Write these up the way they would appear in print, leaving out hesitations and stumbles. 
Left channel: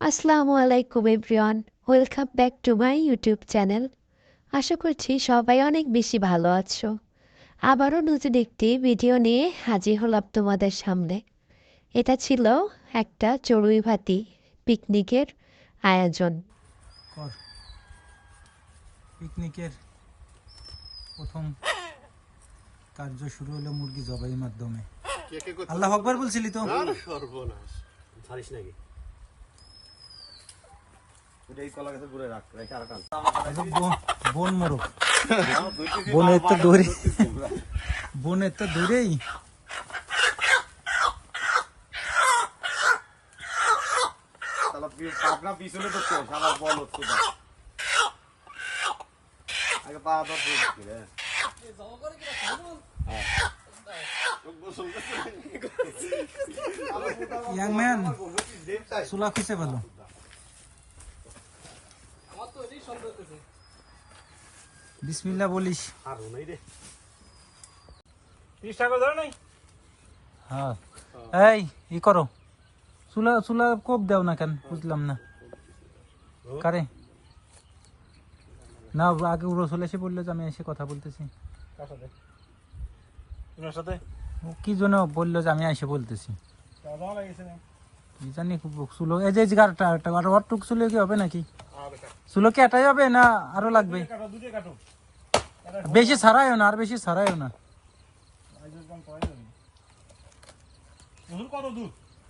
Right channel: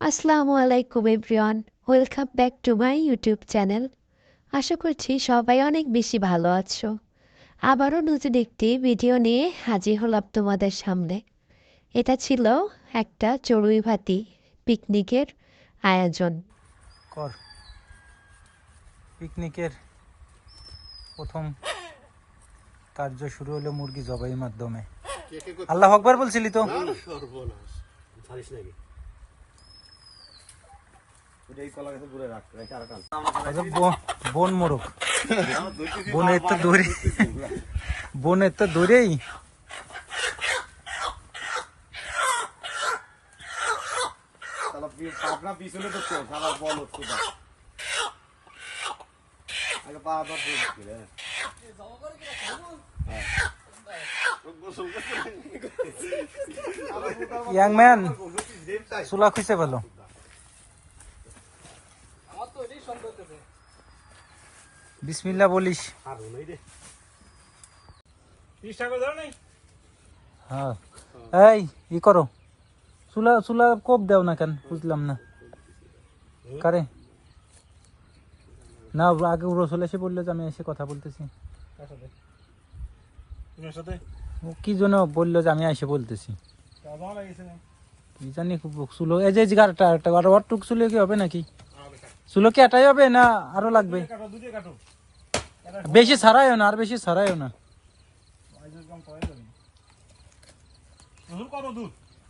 আসসালামু আলাইকুম everyone, welcome back to my YouTube channel. আশা করছি সবাই অনেক বেশি ভালো আছো। আবারও নতুন একটি ভিডিও নিয়ে হাজির হলাম তোমাদের সামনে। এটা ছিল একটা চড়ুইভাতি পিকনিকের আয়োজন। পিকনিকের প্রথম কার্য শুরু হলো মুরগি জবাইয়ের মাধ্যমে। আল্লাহু আকবার বলছিলি তো? সর্বনাশ ছাড়িস নাকি? বন মোরগ বনের তো দৌড়েই পিছনে তো সারা বল হচ্ছে আগে পা ইয়াং ম্যান চুলা খুঁজতে পেলো। বিসমিল্লাহ বলিস। এই ই করো, চুলা চুলা কোপ দাও না কেন বুঝলাম না। কারে না আগে রসুল এসে বললো যে আমি এসে কথা বলতেছি। কি জন্য বললো যে আমি এসে বলতেছি? জানি চুলো এই যে টুক চুলো কি হবে নাকি? চুলো কি এটাই হবে না আরো লাগবে? বেশি ছাড়াইও না, আর বেশি ছাড়াইও না।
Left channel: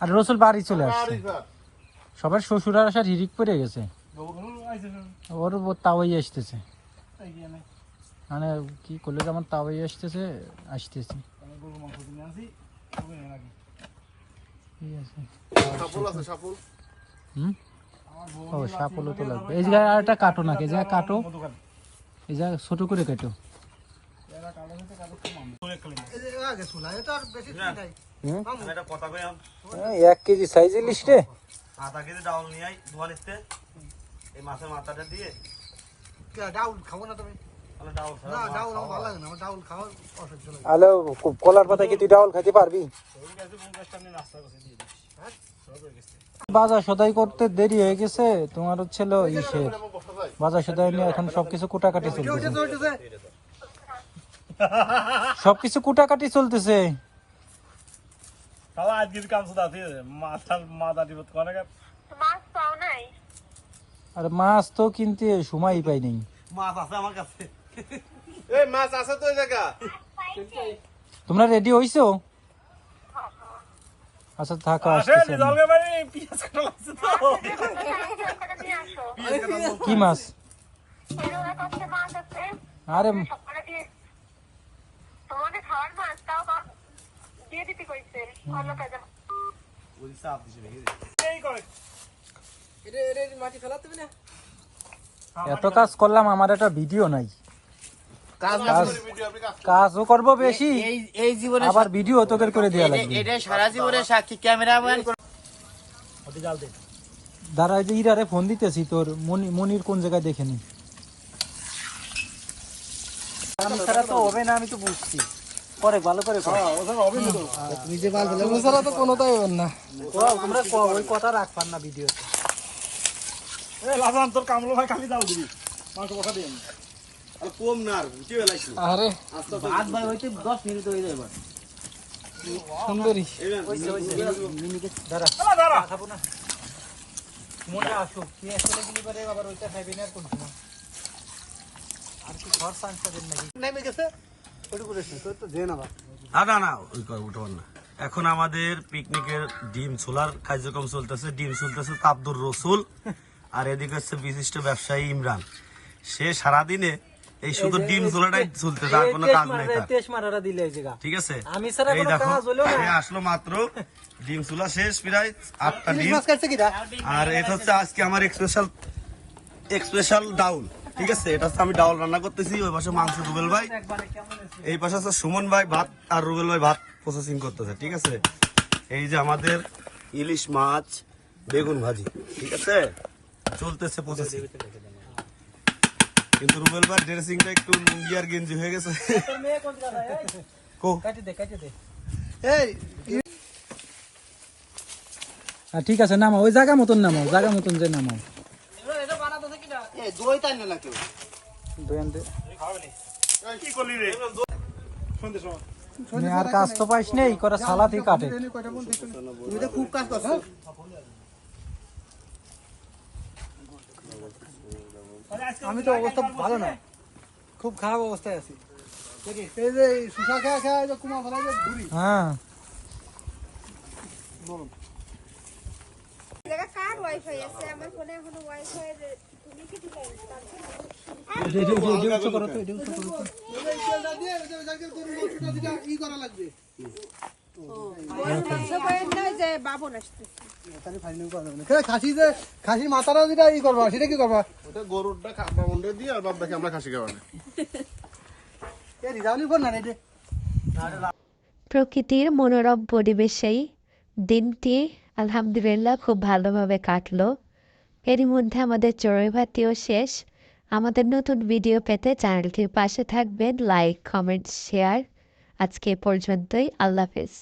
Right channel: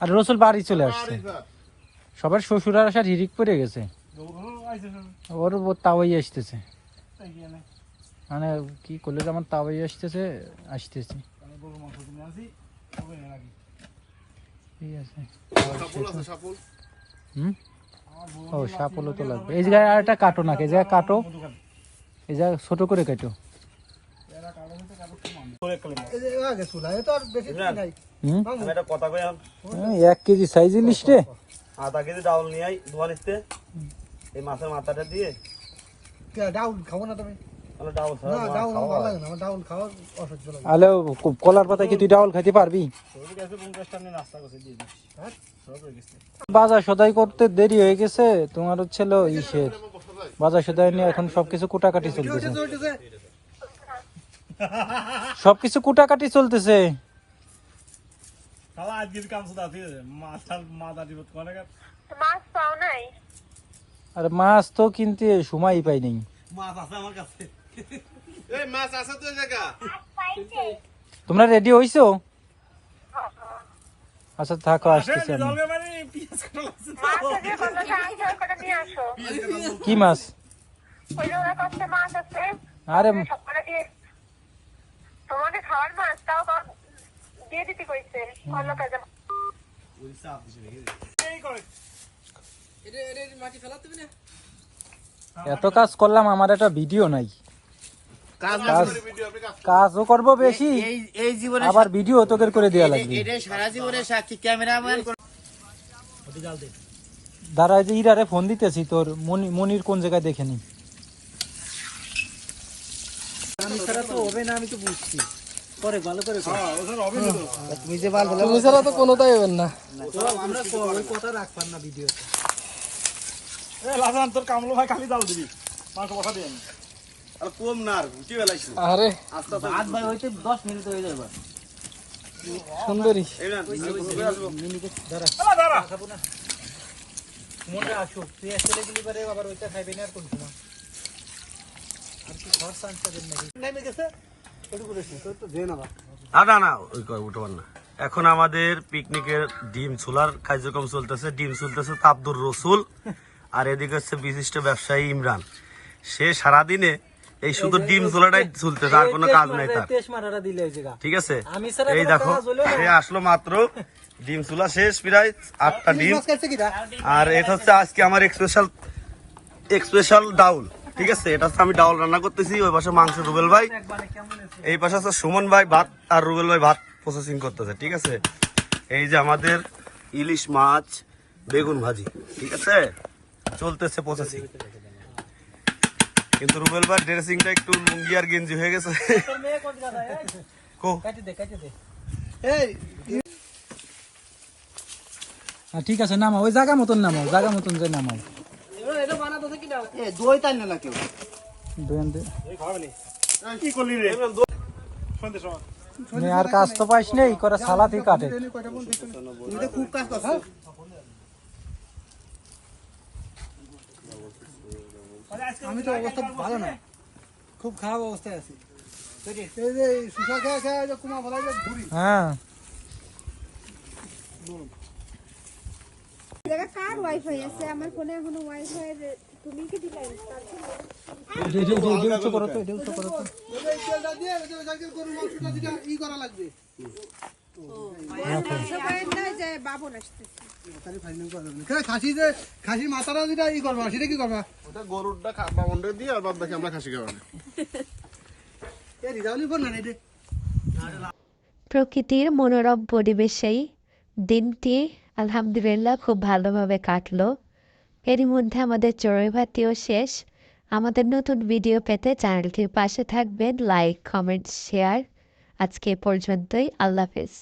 আর রসুল বাড়ি চলে আসছে, সবার শ্বশুর আসার হিরিক পড়ে গেছে, ওর তাওয়াই আসতেছে। মানে কি করলে যেমন তাওয়াই আসতেছে আসতেছে। ও সাপলও তো লাগবে। এই জায়গায় আর একটা কাটো নাকি, এই জায়গায় কাটো, এই জায়গায় ছোট করে কাটো। 1 কেজি সাইজ ইলিশ রে, আধা কেজি ডাউল নিয়ে আই ধোয়া নিতে। এই মাছের মাথাটা দিয়ে ডাউল খাবো না তুমি? ডাউল না ডাউল আমার ভালো লাগে না, আমার ডাউল খাওয়া অসহ্য লাগে। হ্যালো তোর কথা কি তুই ডাউল খেতে পারবি? বাজার সদাই করতে দেরি হয়ে গেছে, তোমার ছিল বাজার সদাই নিয়ে এখন সবকিছু কুটাকাটি চলতেছে, সবকিছু কুটাকাটি চলতেছে। আরে মাছ তো কিনতে সময় পাইনি। মাছ আছে আমার কাছে, এই মাছ আছে তো এই জায়গা। তোমরা রেডি হইছো? আচ্ছা থাকো, কি মাছ? আরে এত কাজ করলাম, আমার একটা ভিডিও নাই, কাজও করবো বেশি, এই জীবনে আবার ভিডিও তোকে করে দেওয়া লাগবে। এটাই সারা জীবনের সাক্ষী ক্যামেরাম্যান। দাঁড়া যে ইরারে ফোন দিতেছি, তোর মনির কোন জায়গায় দেখে নি। ছাড়া তো হবে না, আমি তো বুঝছি। পরে ভালো করে তুমি যে ভালো তো কোনোটাই হবে না, আমরা ওই কথা রাখবার না ভিডিওতে। লাজান তোর কামলো ভাই খালি ডাল দিবি, মাংস কথা দিয়ে আর কম না, আর উঠে বেলাইছি। আরে আস্তে ভাত ভাই হইতে 10 মিনিট হয়ে যাবে। সুন্দরী মিনিকে দাঁড়া দাঁড়া খাবো না, মনে আসো তুই আসলে গেলি পরে আবার ওইটা খাইবে না। আর কোন সময় আর কি ঘর সাইন্স করবেন নাকি? নেমে গেছে ওটু করে তো দেন আবার। না না ওই উঠবার না। এখন আমাদের পিকনিকের ডিম ছোলার কার্যক্রম চলতেছে। ডিম চলতেছে আব্দুর রসুল, আর এদিকে হচ্ছে বিশিষ্ট ব্যবসায়ী ইমরান। সে সারাদিনে এই শুধু ডিম ছোলাটাই চলতেছে, আর কোনো কাজ নাই তার। ঠিক আছে, এই দেখো সে আসলো মাত্র, ডিম ছোলা শেষ প্রায় 8টা ডিম। আর এটা হচ্ছে আজকে আমার স্পেশাল ডাউল। ঠিক আছে, এটা হচ্ছে আমি ডাউল রান্না করতেছি। ওই পাশে মাংস রুবেল ভাই, এই পাশে হচ্ছে সুমন ভাই ভাত, আর রুবেল ভাই ভাত প্রসেসিং করতেছে। ঠিক আছে, এই যে আমাদের ইলিশ মাছ বেগুন ভাজি, ঠিক আছে চলতেছে প্রসেসিং। কিন্তু রুবেল ভাই ড্রেসিংটা একটু লুঙ্গি আর গেঞ্জি হয়ে গেছে। ঠিক আছে নামা, ওই জায়গা মতন নামা, জায়গা মতন যে নামা। আর কাজ তো পাইস নেই করে সালাতেই কাটে। খুব কাজ করছো। আমি তো অবস্থা ভালো না, খুব খারাপ অবস্থায় আছি। এই যে শুষা খেয়া খেয়া এই যে কুমা ফেলা যে ঘুরি। হ্যাঁ কার ওয়াইফাই আছে আমার ফোনে কোনো ওয়াইফাই তুমি কি দিলে ই করা লাগবে। যে বাবন আসতে খাসির মাথাটা যেটা ই করবা সেটা কি করবা? গরুরটা বামনটা দিয়ে আর বাদ বাকি আমরা খাসি খাওয়ানো। প্রকৃতির মনোরম পরিবেশেই দিনটি আলহামদুলিল্লাহ খুব ভালোভাবে কাটলো। এরই মধ্যে আমাদের চড়ুই ভাতিও শেষ। আমাদের নতুন ভিডিও পেতে চ্যানেলটির পাশে থাকবেন, লাইক কমেন্ট শেয়ার। আজকে এ পর্যন্তই, আল্লাহ হাফেজ।